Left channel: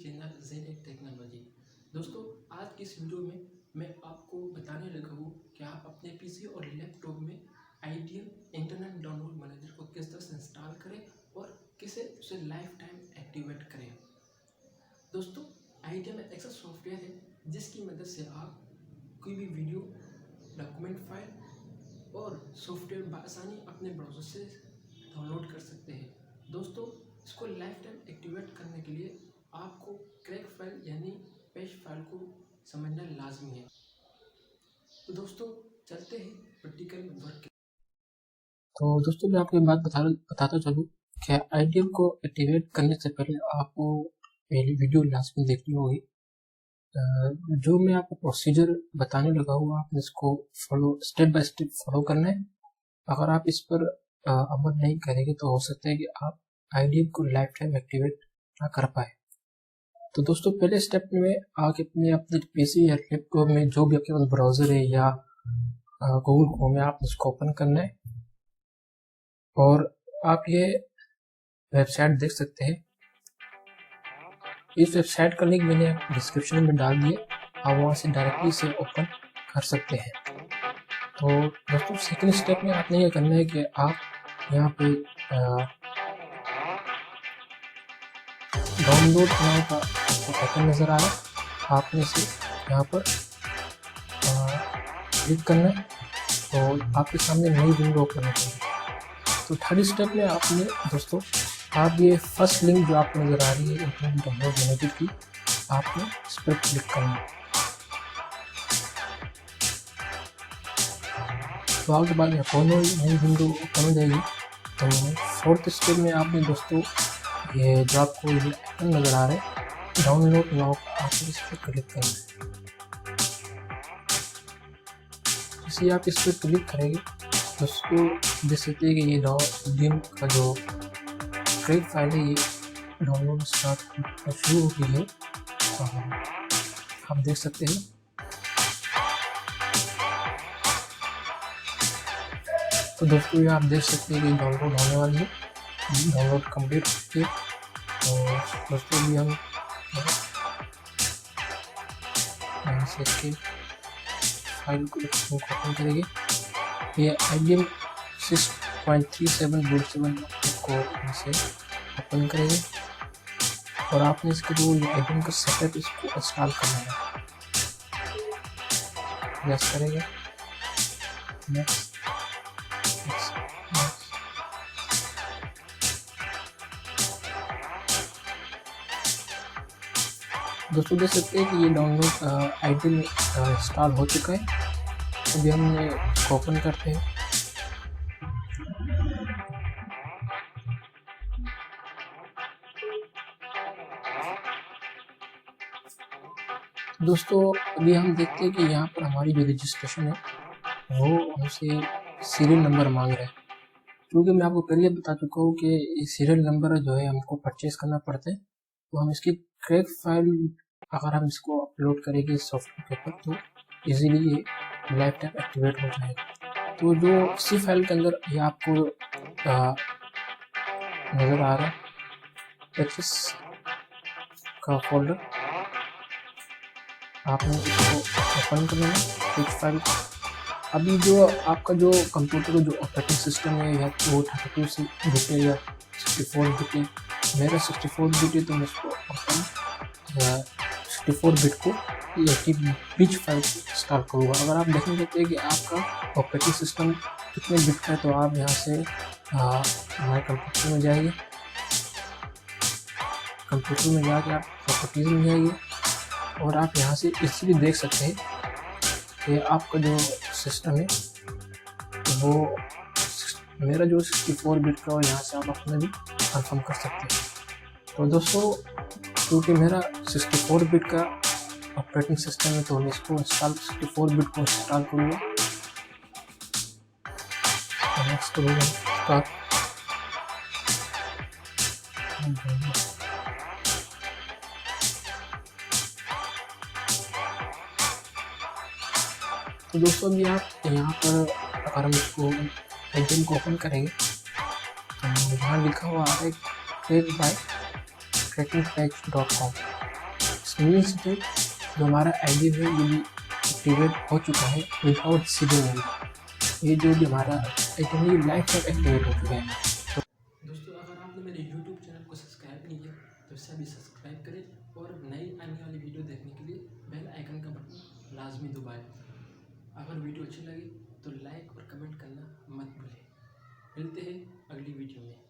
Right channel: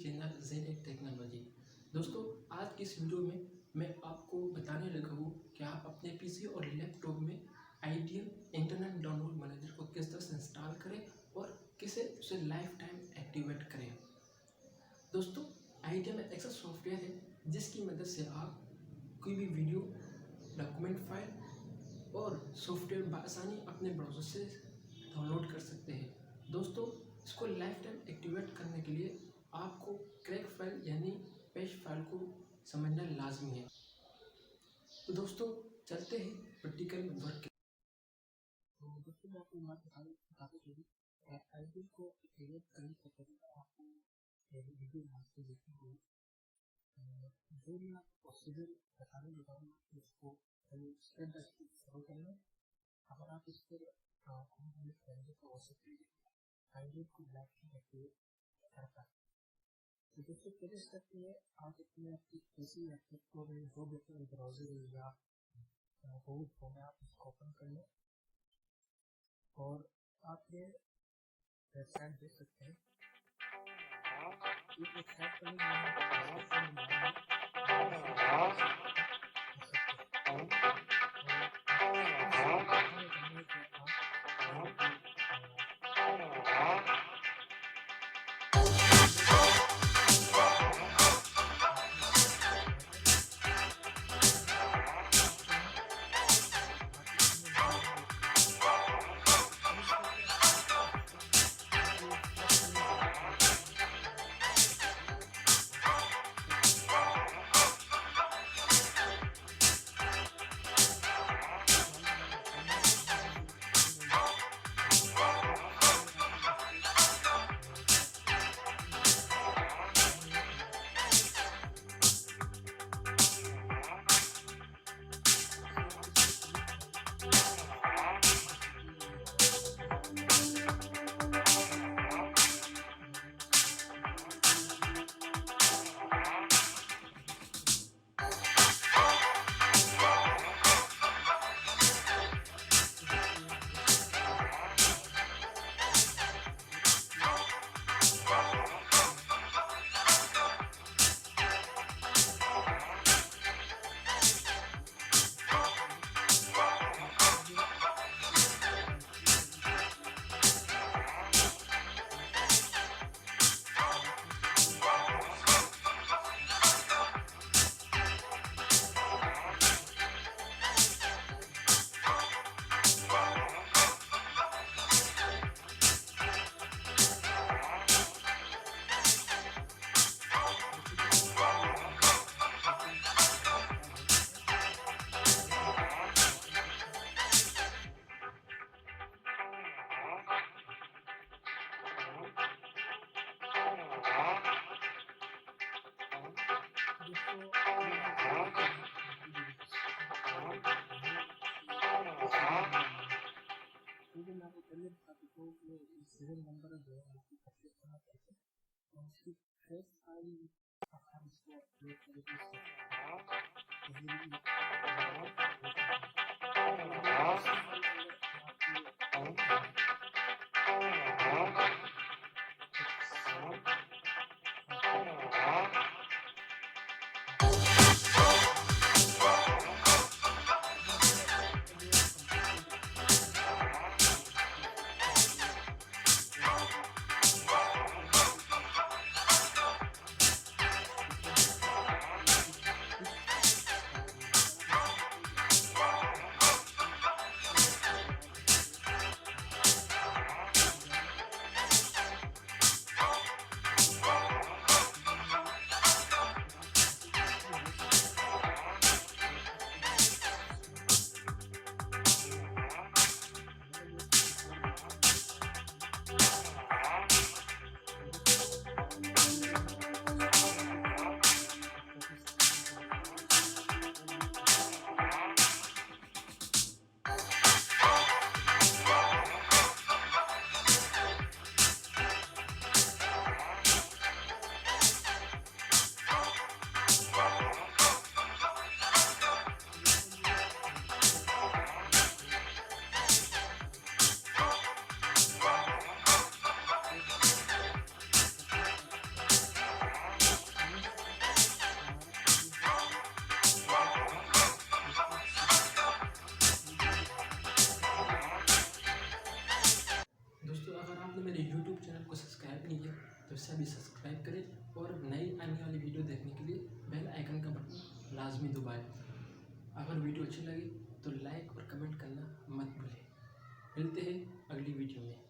Channel Z technology. दोस्तों, आज की इस वीडियो में मैं आपको बताने लगा हूँ कि आप अपने पीसी और लैपटॉप में IDM इंटरनेट डाउनलोड मैनेजर को किस तरह से इंस्टॉल करें और किसे उसे लाइफ टाइम एक्टिवेट करें। दोस्तों, IDM एक ऐसा सॉफ्टवेयर है जिसकी मदद से आप कोई भी वीडियो, डॉक्यूमेंट फाइल और सॉफ्टवेयर बआसानी अपने ब्राउज़र से डाउनलोड कर सकते हैं। दोस्तों, इसको लाइफ टाइम एक्टिवेट करने के लिए आपको क्रैक फाइल यानी पैच फाइल को समझना लाजमी है। तो दोस्तों, चलते हैं प्रैक्टिकल वर्क। तो दोस्तों, मैं आपको एक बात बताता चलूँ कि IDM को एक्टिवेट करने से पहले आपको पहली वीडियो लाजमी देखनी होगी। जो मैं आपको प्रोसीजर बताने लगा हूँ, आपने इसको स्टेप बाय स्टेप फॉलो करना है। अगर आप इस पर अमल नहीं करेंगे तो हो सकता है कि आप IDM को लाइफ टाइम एक्टिवेट ना कर पाए। तो दोस्तों, पहले स्टेप में आके अपने पीसी या लैपटॉप में जो भी आपके पास ब्राउज़र है या गूगल क्रोम है, आपने इसको ओपन करना है और आप ये वेबसाइट देख सकते हैं। इस वेबसाइट का लिंक मैंने डिस्क्रिप्शन में डाल दिया, आप वहाँ से डायरेक्टली इसे ओपन कर सकते हैं। तो दोस्तों, सेकंड स्टेप में आपने ये करना है कि आप यहाँ पे डाउनलोड नाउ का बटन नज़र आ रहा है, आपने इसे यहाँ पर क्लिक करना है तो आपके सामने नई विंडो ओपन होगी। तो थर्ड स्टेप में आपने दोस्तों, आप ये फर्स्ट लिंक जो आपको नज़र आ रही है इंटरनेट डाउनलोड मैनेजर की, आपने इस पर क्लिक करना है। तो आपके बाद में नई विंडो ओपन हो जाएगी। तो फोर्थ स्टेप में आपने दोस्तों, ये जो आपको ये बटन नज़र आ रहा है डाउनलोड नाउ, आप इस पर क्लिक करेंगे। जैसे आप इस पर क्लिक करेंगे तो उसको देख सकते हैं कि ये IDM का जो क्रैक फाइल है ये डाउनलोड स्टार्ट शुरू हो गई है। आप देख सकते हैं। तो दोस्तों, ये आप देख सकते हैं कि डाउनलोड होने वाली है, डाउनलोड कंप्लीट है। और दोस्तों, भी हम यहाँ से इसके फाइल को ओपन करेंगे। ये IDM 6.37 को यहाँ से ओपन करेंगे और आपने इसके जो IDM का सेटअप इसको इंस्टॉल करना है। यस करेंगे, नेक्स्ट। दोस्तों, देख सकते हैं कि ये डाउनलोड IDM इंस्टॉल हो चुका है। अभी हम ओपन करते हैं। दोस्तों, अभी हम देखते हैं कि यहाँ पर हमारी जो रजिस्ट्रेशन है वो हमसे सीरियल नंबर मांग रहा है। क्योंकि मैं आपको पहले बता चुका हूँ कि ये सीरियल नंबर जो है हमको परचेज करना पड़ता है। तो हम इसकी क्रैक फाइल अगर हम इसको अपलोड करेंगे सॉफ्टवेयर के ऊपर तो इजीली ये लाइफ टाइम एक्टिवेट हो जाएगा। तो जो इसी फाइल के अंदर ये आपको नज़र आ रहा है एक्सेस का फोल्डर, आपने इसको ओपन करना है फाइल। अभी जो आपका जो कंप्यूटर का जो ऑपरेटिंग सिस्टम है या तो वो 32 बिट है या 64 बिट है। मेरा 64 बिट है तो मैं इसको 64 बिट को एक पिच फाइल इंस्टॉल करूँगा। अगर आप देखेंगे कि आपका ऑपरेटिंग सिस्टम कितने बिट का है तो आप यहाँ से हमारे कंप्यूटर में जाइए, कंप्यूटर में जाके आप प्रॉपर्टीज में जाइए और आप यहाँ से इजीली देख सकते हैं कि आपका जो सिस्टम है वो मेरा जो 64 बिट का और यहाँ से आप अपना भी कंफर्म कर सकते हैं। तो दोस्तों, क्योंकि मेरा 64 बिट का ऑपरेटिंग सिस्टम है तो मैं इसको 64 बिट को इंस्टॉल करूँगा। तो दोस्तों, अभी आप यहाँ पर अगर हम इसको IDM को ओपन करेंगे तो यहाँ लिखा हुआ है क्रैकिंगपैच.com। मीन्स जो हमारा आईडी है ये एक्टिवेट हो चुका है विदाउट सीडिंग। ये जो भी हमारा एक लाइफ तक एक्टिवेट हो चुका है। दोस्तों अगर आपने मेरे यूट्यूब चैनल को सब्सक्राइब नहीं किया तो इसे भी सब्सक्राइब करें और नई आने वाली वीडियो देखने के लिए बेल आइकन का बटन लाजमी दबाएं। अगर वीडियो अच्छी लगी तो लाइक और कमेंट करना मत भूलें। मिलते हैं अगली वीडियो में।